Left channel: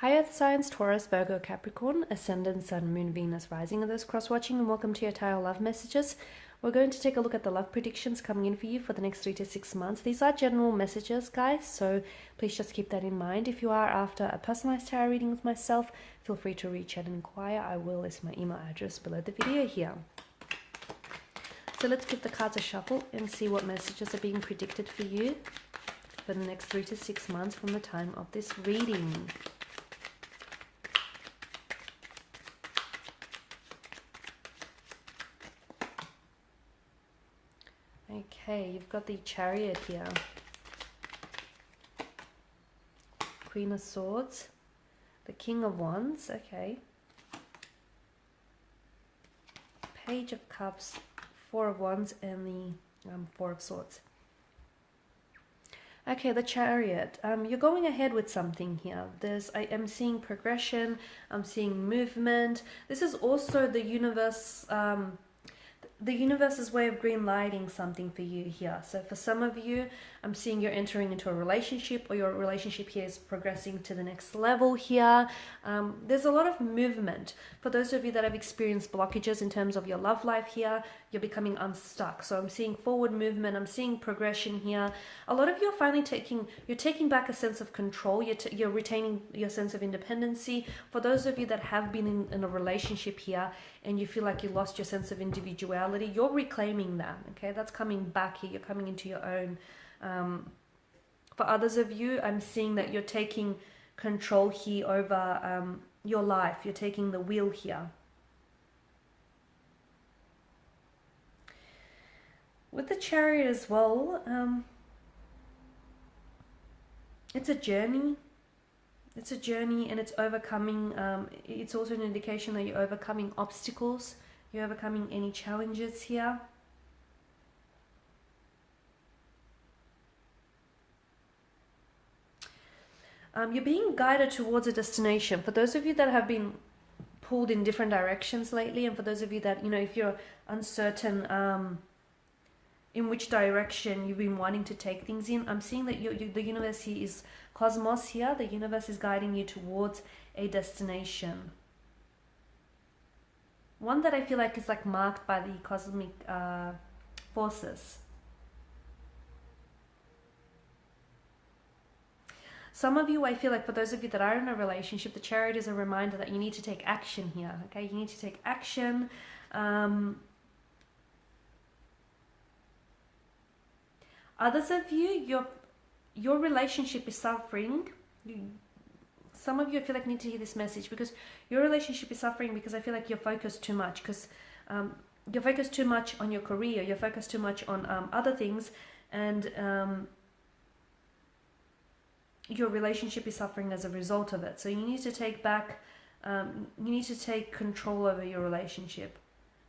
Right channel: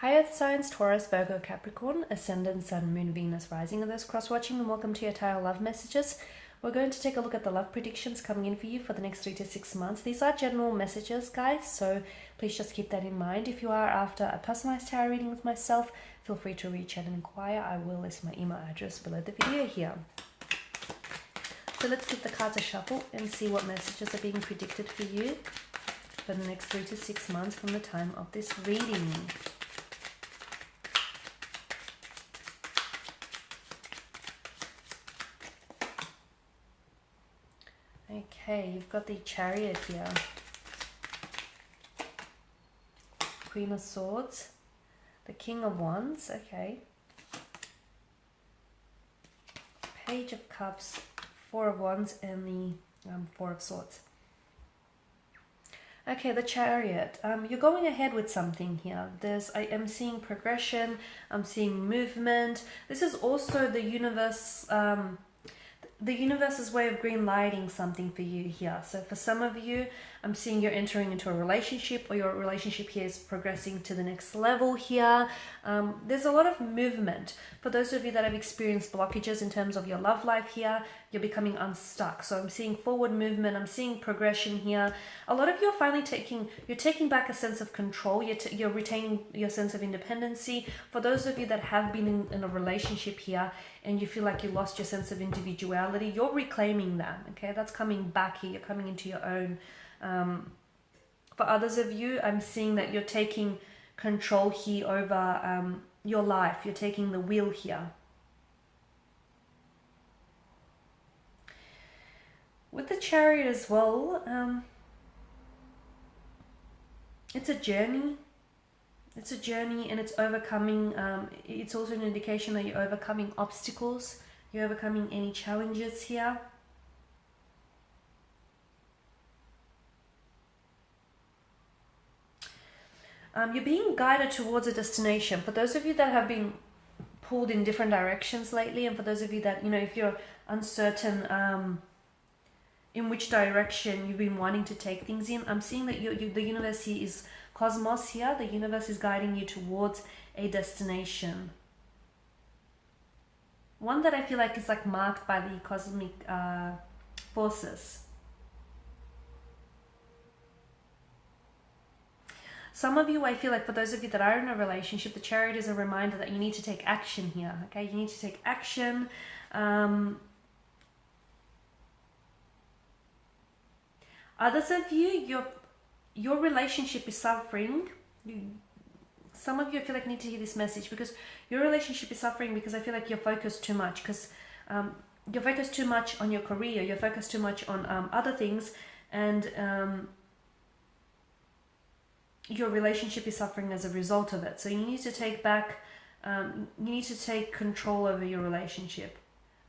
Hi Earth signs, Taurus, Virgo, Capricorn, Ascendant, Sun, Moon, Venus, Rising. Of those cross-watching, and welcome to your tarot love messages. We're going to take a look at the love predictions coming in for you for the next 3 to 6 months. These are general messages, guys, so please just keep that in mind. If you are after a personalized tarot reading with myself, feel free to reach out and inquire. I will list my email address below the video here. So let's give the cards a shuffle and see what messages are being predicted for you for the next 3 to 6 months from the time of this reading. Okay, you've got the Chariot here. Queen of Swords. The King of Wands, okay. Page of Cups, Four of Wands, and the Four of Swords. Okay, the Chariot. You're going ahead with something here. I am seeing progression. I'm seeing movement. This is also the universe. The universe's way of green lighting something for you here. So for some of you, I'm seeing you're entering into a relationship, or your relationship here is progressing to the next level here. There's a lot of movement. For those of you that have experienced blockages in terms of your love life here, you're becoming unstuck. So I'm seeing forward movement. I'm seeing progression here. A lot of you are finally taking back a sense of control. You're retaining your sense of independency. For those of you that have been in a relationship here and you feel like you lost your sense of individuality, you're reclaiming that. Okay, that's coming back here. You're coming into your own. For others of you, I'm seeing that you're taking control here over your life. You're taking the wheel here. With the Chariot as well, it's a journey. It's a journey, and it's overcoming. It's also an indication that you're overcoming obstacles. You're overcoming any challenges here. You're being guided towards a destination. For those of you that have been pulled in different directions lately, and for those of you that, if you're uncertain in which direction you've been wanting to take things in, I'm seeing that the universe here is cosmos here. The universe is guiding you towards a destination. One that I feel like is like marked by the cosmic forces. Some of you, I feel like for those of you that are in a relationship, the Chariot is a reminder that you need to take action here. Okay, you need to take action. Others of you, your relationship is suffering. Some of you, I feel like, need to hear this message because your relationship is suffering because I feel like you're focused too much. Because you're focused too much on your career. You're focused too much on other things, and your relationship is suffering as a result of it. So you need to take back, you need to take control over your relationship,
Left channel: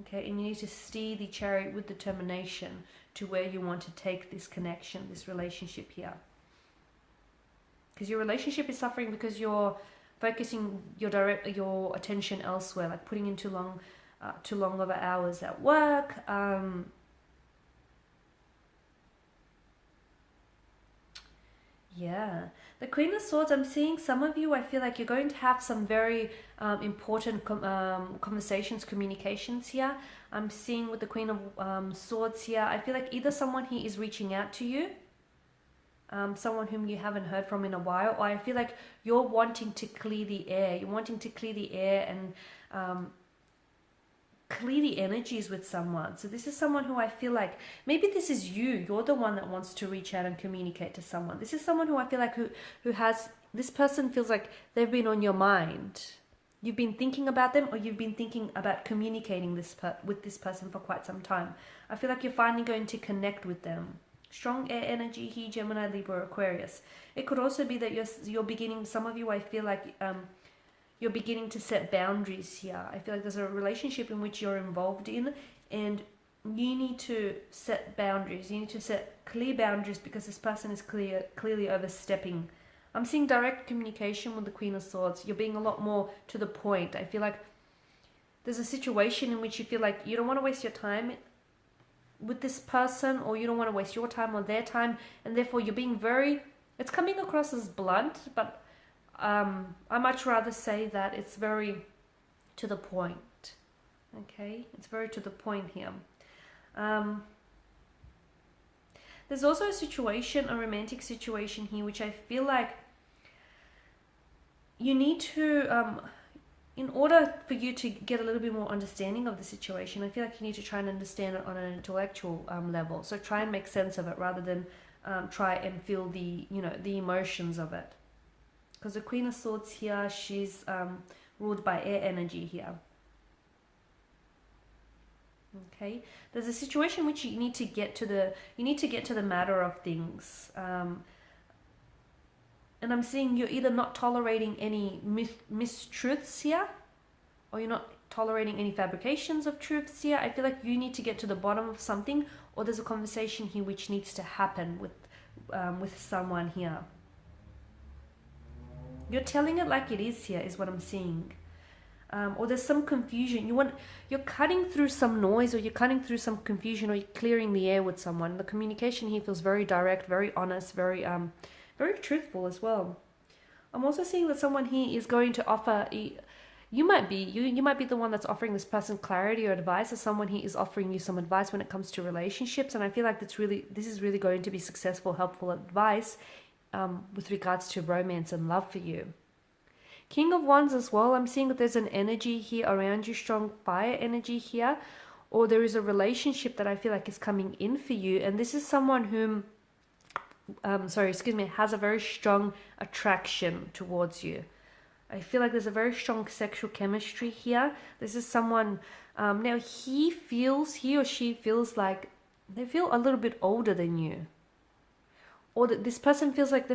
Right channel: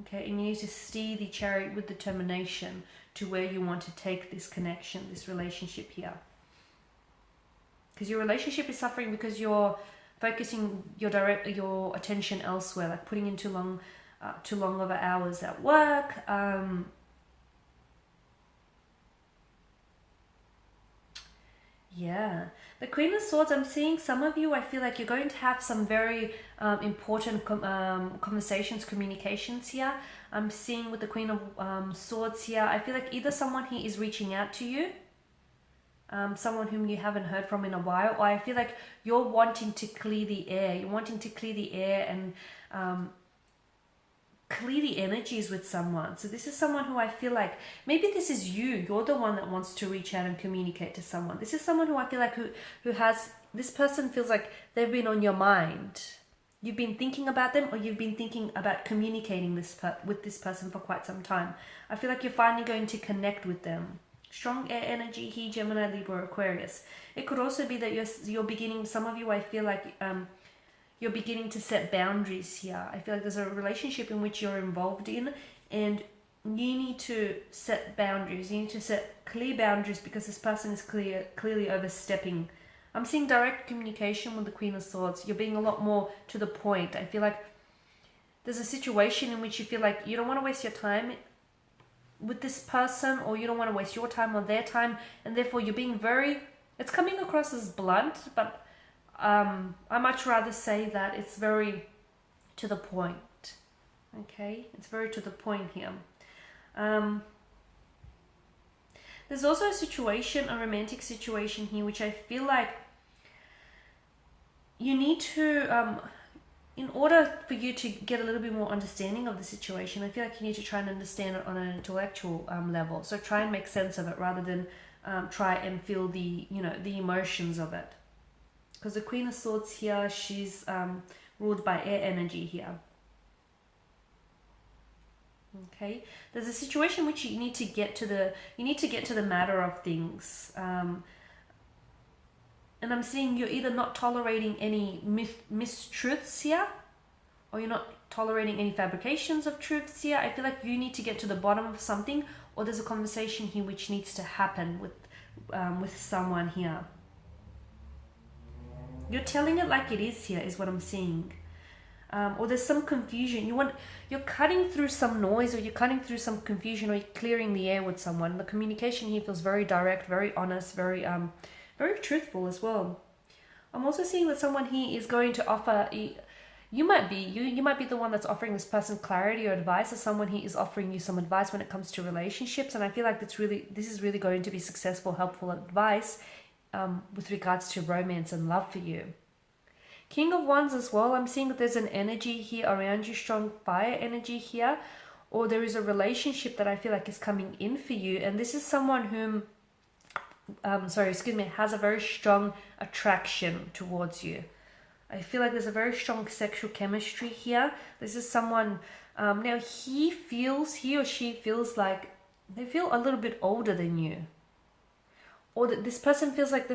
okay? And you need to steer the Chariot with determination to where you want to take this connection, this relationship here. Because your relationship is suffering because you're focusing your attention elsewhere, like putting in too long of hours at work. Yeah, the Queen of Swords, I'm seeing some of you, I feel like you're going to have some very important conversations, communications here. I'm seeing with the Queen of Swords here, I feel like either someone here is reaching out to you, someone whom you haven't heard from in a while, or I feel like you're wanting to clear the air. You're wanting to clear the air and clear the energies with someone. So this is someone who I feel like, maybe this is you. You're the one that wants to reach out and communicate to someone. This is someone who I feel like who has, this person feels like they've been on your mind. You've been thinking about them, or you've been thinking about communicating with this person for quite some time. I feel like you're finally going to connect with them. Strong air energy here, Gemini, Libra, Aquarius. It could also be that you're beginning, some of you, I feel like you're beginning to set boundaries here. I feel like there's a relationship in which you're involved in, and you need to set boundaries. You need to set clear boundaries because this person is clearly overstepping. I'm seeing direct communication with the Queen of Swords. You're being a lot more to the point. I feel like there's a situation in which you feel like you don't want to waste your time with this person, or you don't want to waste your time or their time, and therefore you're being very, it's coming across as blunt, but I much rather say that it's very to the point. Okay, it's very to the point here. There's also a situation, a romantic situation here, which I feel like you need to, in order for you to get a little bit more understanding of the situation, I feel like you need to try and understand it on an intellectual level. So try and make sense of it rather than try and feel the, the emotions of it. Because the Queen of Swords here, she's ruled by air energy here. Okay, there's a situation which you need to get to the matter of things, and I'm seeing you're either not tolerating any mistruths here, or you're not tolerating any fabrications of truths here. I feel like you need to get to the bottom of something, or there's a conversation here which needs to happen with someone here. You're telling it like it is here, is what I'm seeing. Or there's some confusion. You're cutting through some noise, or you're cutting through some confusion, or you're clearing the air with someone. The communication here feels very direct, very honest, very truthful as well. I'm also seeing that someone here is going to offer. You might be the one that's offering this person clarity or advice, or someone here is offering you some advice when it comes to relationships. And I feel like this is really going to be successful, helpful advice with regards to romance and love for you. King of Wands as well, I'm seeing that there's an energy here around you, strong fire energy here, or there is a relationship that I feel like is coming in for you, and this is someone whom, has a very strong attraction towards you. I feel like there's a very strong sexual chemistry here. This is someone, now he or she feels like they feel a little bit older than you, or that this person feels like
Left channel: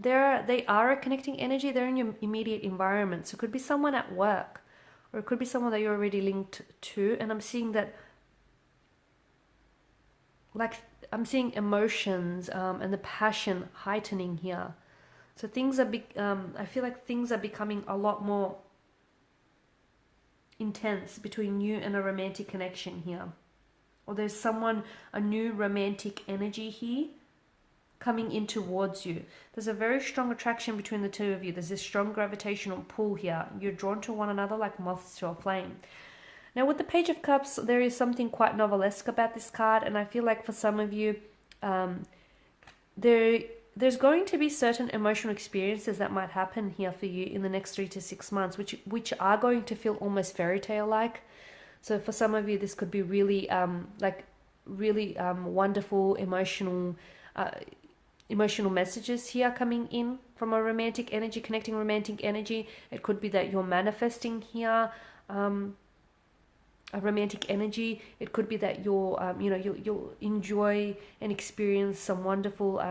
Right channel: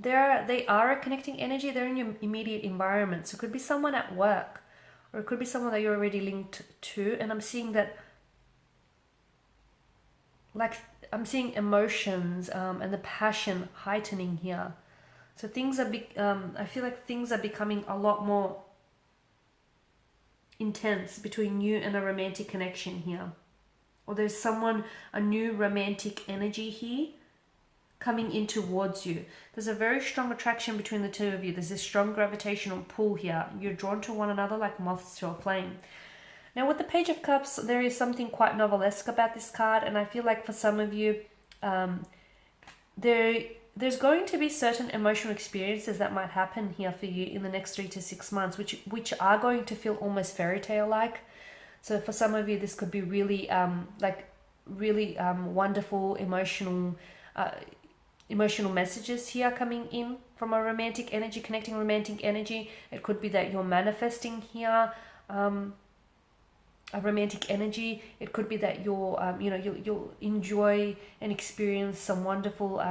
they are a connecting energy. They're in your immediate environment. So it could be someone at work, or it could be someone that you're already linked to. And I'm seeing that, like, I'm seeing emotions and the passion heightening here. So things are, I feel like things are becoming a lot more intense between you and a romantic connection here. Or there's a new romantic energy here coming in towards you. There's a very strong attraction between the two of you. There's this strong gravitational pull here. You're drawn to one another like moths to a flame. Now with the Page of Cups, there is something quite novelesque about this card, and I feel like for some of you, there's going to be certain emotional experiences that might happen here for you in the next 3 to 6 months, which are going to feel almost fairy tale like. So for some of you, this could be really wonderful emotional messages here coming in from a romantic energy, connecting romantic energy. It could be that you're manifesting here a romantic energy. It could be that you'll enjoy and experience some wonderful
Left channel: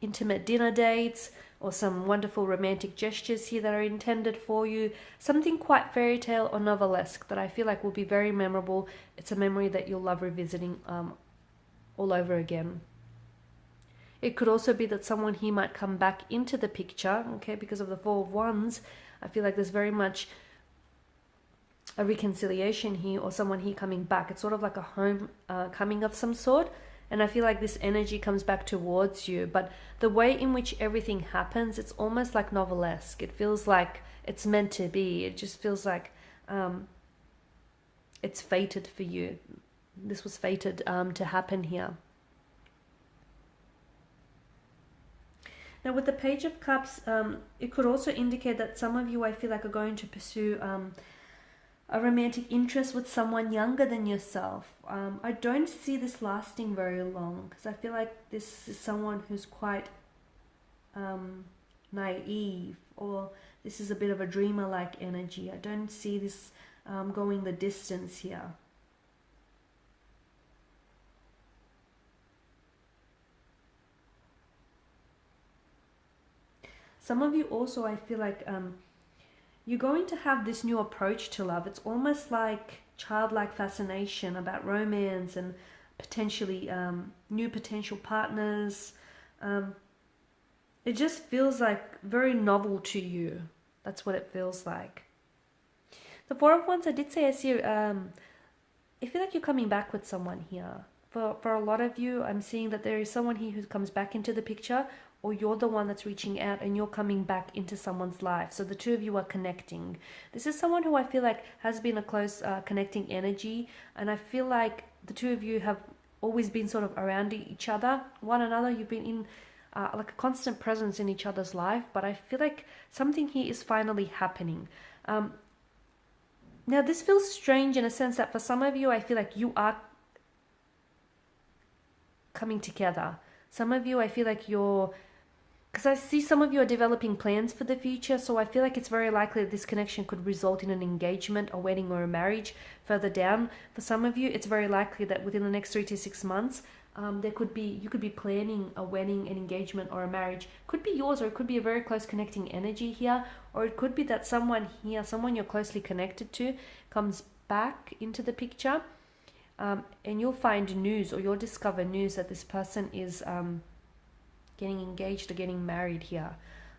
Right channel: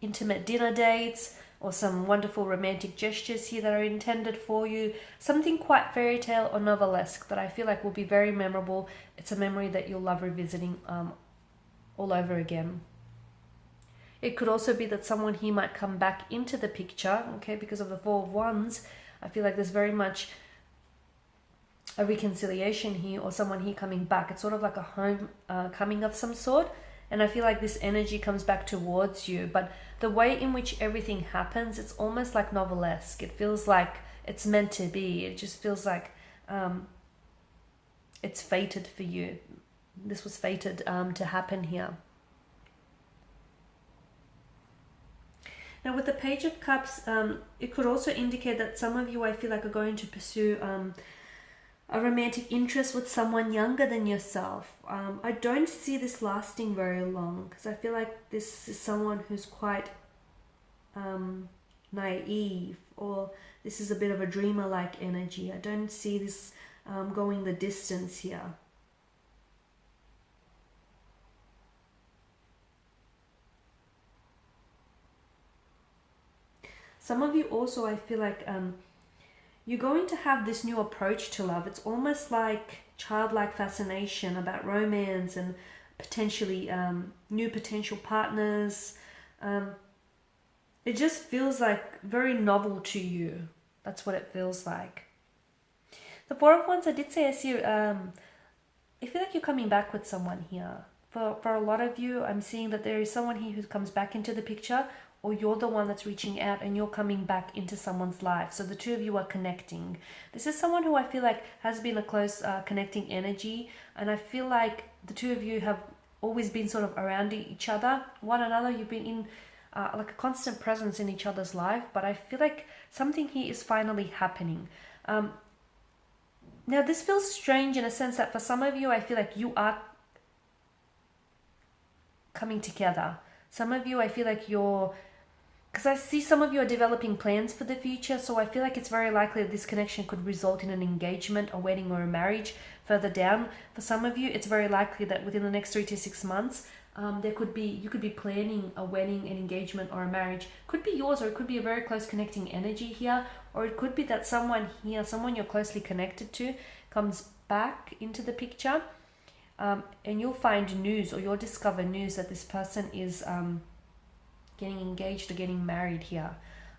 intimate dinner dates, or some wonderful romantic gestures here that are intended for you. Something quite fairy tale or novelesque that I feel like will be very memorable. It's a memory that you'll love revisiting all over again. It could also be that someone here might come back into the picture, okay, because of the Four of Wands. I feel like there's very much a reconciliation here, or someone here coming back. It's sort of like a home coming of some sort, and I feel like this energy comes back towards you. But the way in which everything happens, it's almost like novelesque. It feels like it's meant to be. It just feels like it's fated for you. This was fated to happen here. Now with the Page of Cups, it could also indicate that some of you, I feel like, are going to pursue a romantic interest with someone younger than yourself. I don't see this lasting very long, because I feel like this is someone who's quite naive, or this is a bit of a dreamer-like energy. I don't see this going the distance here. Some of you also, I feel like you're going to have this new approach to love. It's almost like childlike fascination about romance and potentially new potential partners. It just feels like very novel to you. That's what it feels like. The Four of Wands, I did say, I see, I feel like you're coming back with someone here. For a lot of you, I'm seeing that there is someone here who comes back into the picture, or you're the one that's reaching out and you're coming back into someone's life. So the two of you are connecting. This is someone who I feel like has been a close connecting energy, and I feel like the two of you have always been sort of around each other, one another. You've been in like a constant presence in each other's life, but I feel like something here is finally happening. Now this feels strange in a sense that for some of you, I feel like you are coming together. Some of you, I feel like you're, because I see some of you are developing plans for the future, so I feel like it's very likely that this connection could result in an engagement, a wedding, or a marriage further down. For some of you, it's very likely that within the next 3 to 6 months, you could be planning a wedding, an engagement, or a marriage. Could be yours, or it could be a very close connecting energy here, or it could be that someone here, someone you're closely connected to, comes back into the picture, and you'll find news, or you'll discover news that this person is getting engaged or getting married here.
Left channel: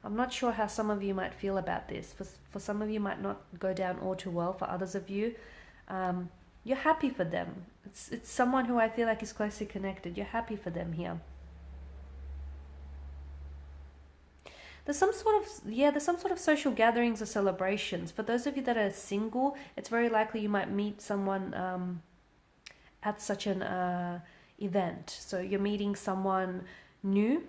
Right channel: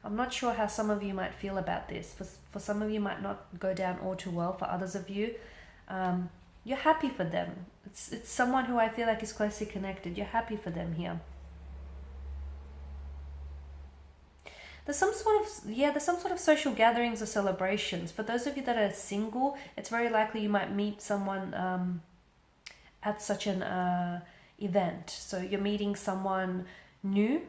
I'm not sure how some of you might feel about this. For some of you, might not go down all too well. For others of you, you're happy for them. It's someone who I feel like is closely connected. You're happy for them here. There's some sort of social gatherings or celebrations. For those of you that are single, it's very likely you might meet someone at such an event. So you're meeting someone new,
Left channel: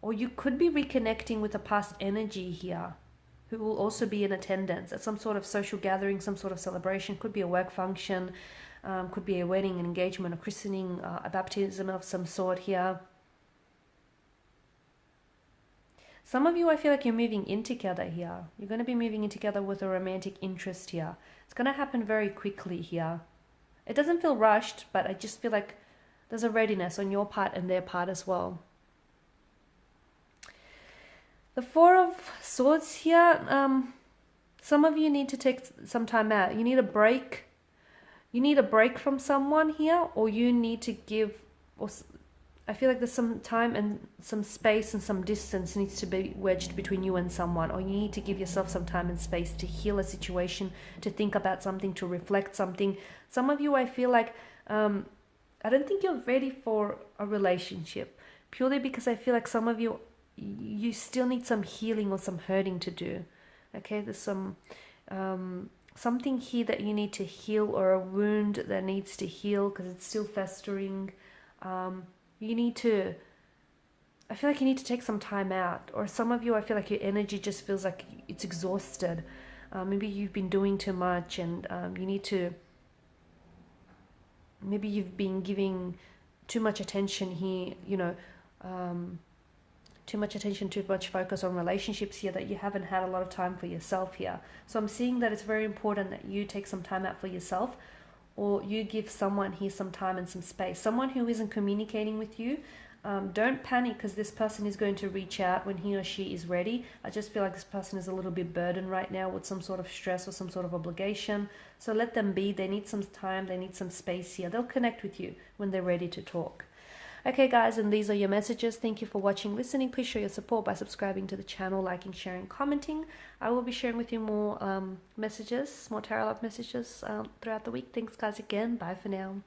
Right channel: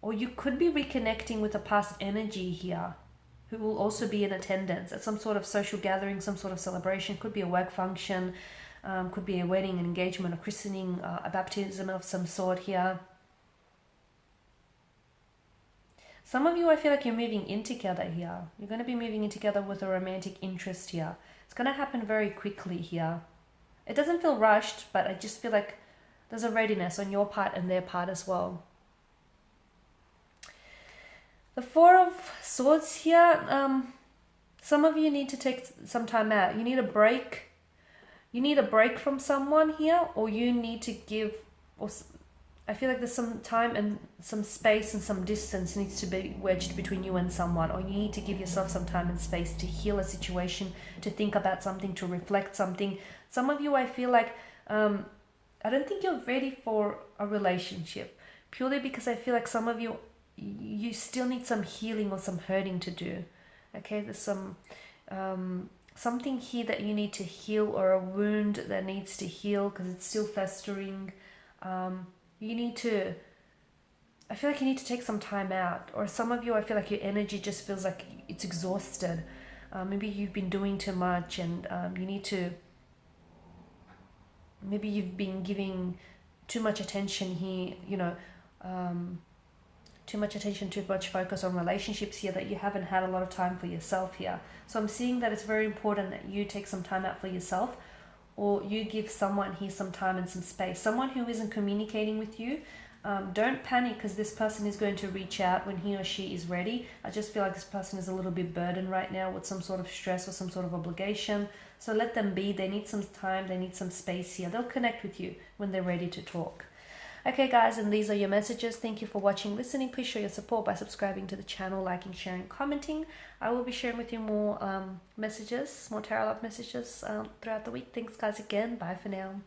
or you could be reconnecting with a past energy here who will also be in attendance at some sort of social gathering, some sort of celebration. Could be a work function, could be a wedding, an engagement, a christening, a baptism of some sort here. Some of you, I feel like you're moving in together here. You're going to be moving in together with a romantic interest here. It's going to happen very quickly here. It doesn't feel rushed, but I just feel like there's a readiness on your part and their part as well. The Four of Swords here, some of you need to take some time out. You need a break. You need a break from someone here, or you need to give, or I feel like there's some time and some space and some distance needs to be wedged between you and someone, or you need to give yourself some time and space to heal a situation, to think about something, to reflect something. Some of you, I feel like, I don't think you're ready for a relationship, purely because I feel like some of you, you still need some healing or some hurting to do. Okay, there's some something here that you need to heal, or a wound that needs to heal because it's still festering. You need to, I feel like you need to take some time out. Or some of you, I feel like your energy just feels like it's exhausted. Maybe you've been doing too much, and you need to, maybe you've been giving too much attention here, you know, too much attention, too much focus on relationships here, that you haven't had a lot of time for yourself here. So I'm seeing that it's very important that you take some time out for yourself, or you give someone here some time and some space. Someone who isn't communicating with you, don't panic, because this person is going to reach out when he or she is ready. I just feel like this person is a little bit burdened right now with some sort of stress or some sort of obligation. So let them be. They need some time. They need some space here. They'll connect with you when they're ready to talk. Okay guys, and these are your messages. Thank you for watching, listening. Please show your support by subscribing to the channel, liking, sharing, commenting. I will be sharing with you more messages, more tarot love messages throughout the week. Thanks guys again. Bye for now.